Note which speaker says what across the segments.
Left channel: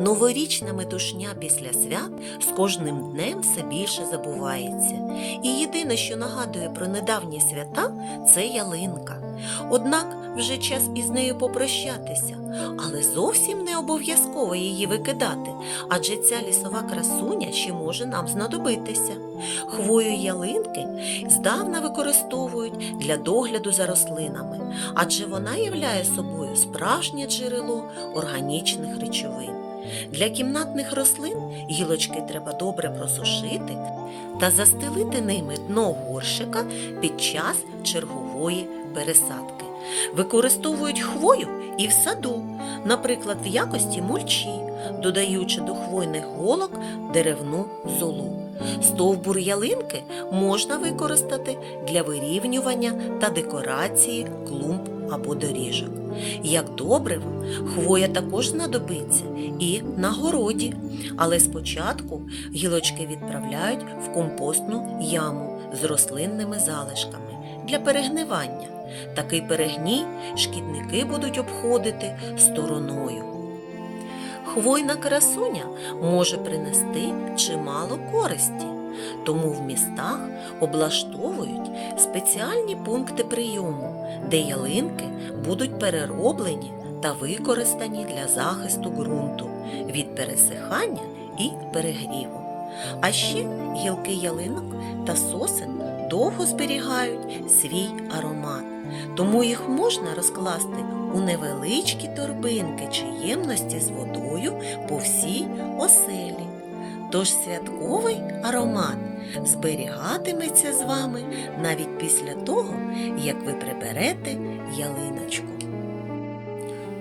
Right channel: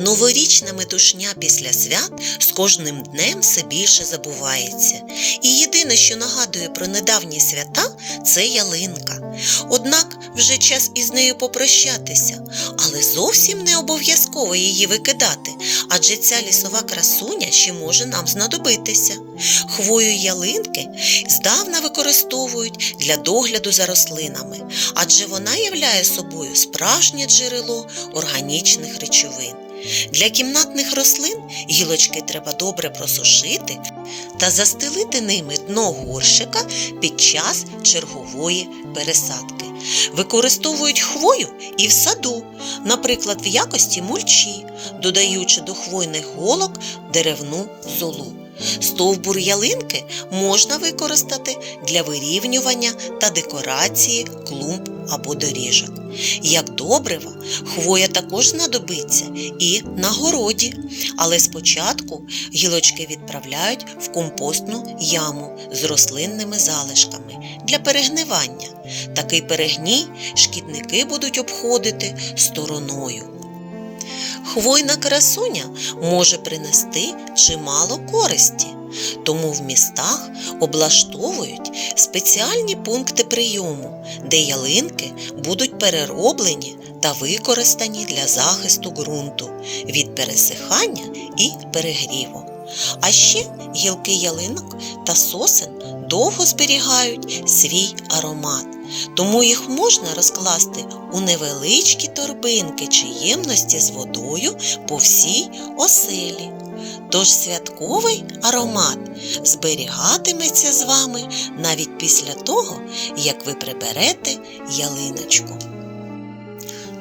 Speaker 1: Новорічна метушня після свят з кожним днем все більше забувається. І єдине, що нагадує про недавні свята, це ялинка. Однак вже час із нею попрощатися, але зовсім не обов'язково її викидати, адже ця лісова красуня ще може нам знадобитися. Хвою ялинки здавна використовують для догляду за рослинами, адже вона являє собою справжнє джерело органічних речовин. Для кімнатних рослин гілочки треба добре просушити та застелити ними дно горщика під час чергової пересадки. Використовують хвою і в саду, наприклад, в якості мульчі, додаючи до хвойних голок деревну золу. Стовбур ялинки можна використати для вирівнювання та декорації клумб або доріжок. Як добрива, хвоя також знадобиться і на городі, але спочатку гілочки відправляють в компостну яму з рослинними залишками для перегнивання. Такий перегній шкідники будуть обходити стороною. Хвойна красуня може принести чимало користі, тому в містах облаштовують спеціальні пункти прийому, де ялинки будуть перероблені та використані для захисту ґрунту від пересихання і перегріву. А ще гілки ялинок та сосен довго зберігають свій аромат, тому їх можна розкласти у невеличкі торбинки чи ємності з водою по всій оселі. Тож святковий аромат зберігатиметься з вами навіть після того, як ви приберете ялиночку.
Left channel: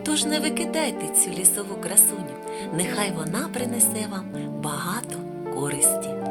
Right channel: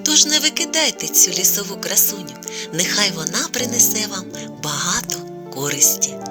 Speaker 1: Тож не викидайте цю лісову красуню, нехай вона принесе вам багато користі.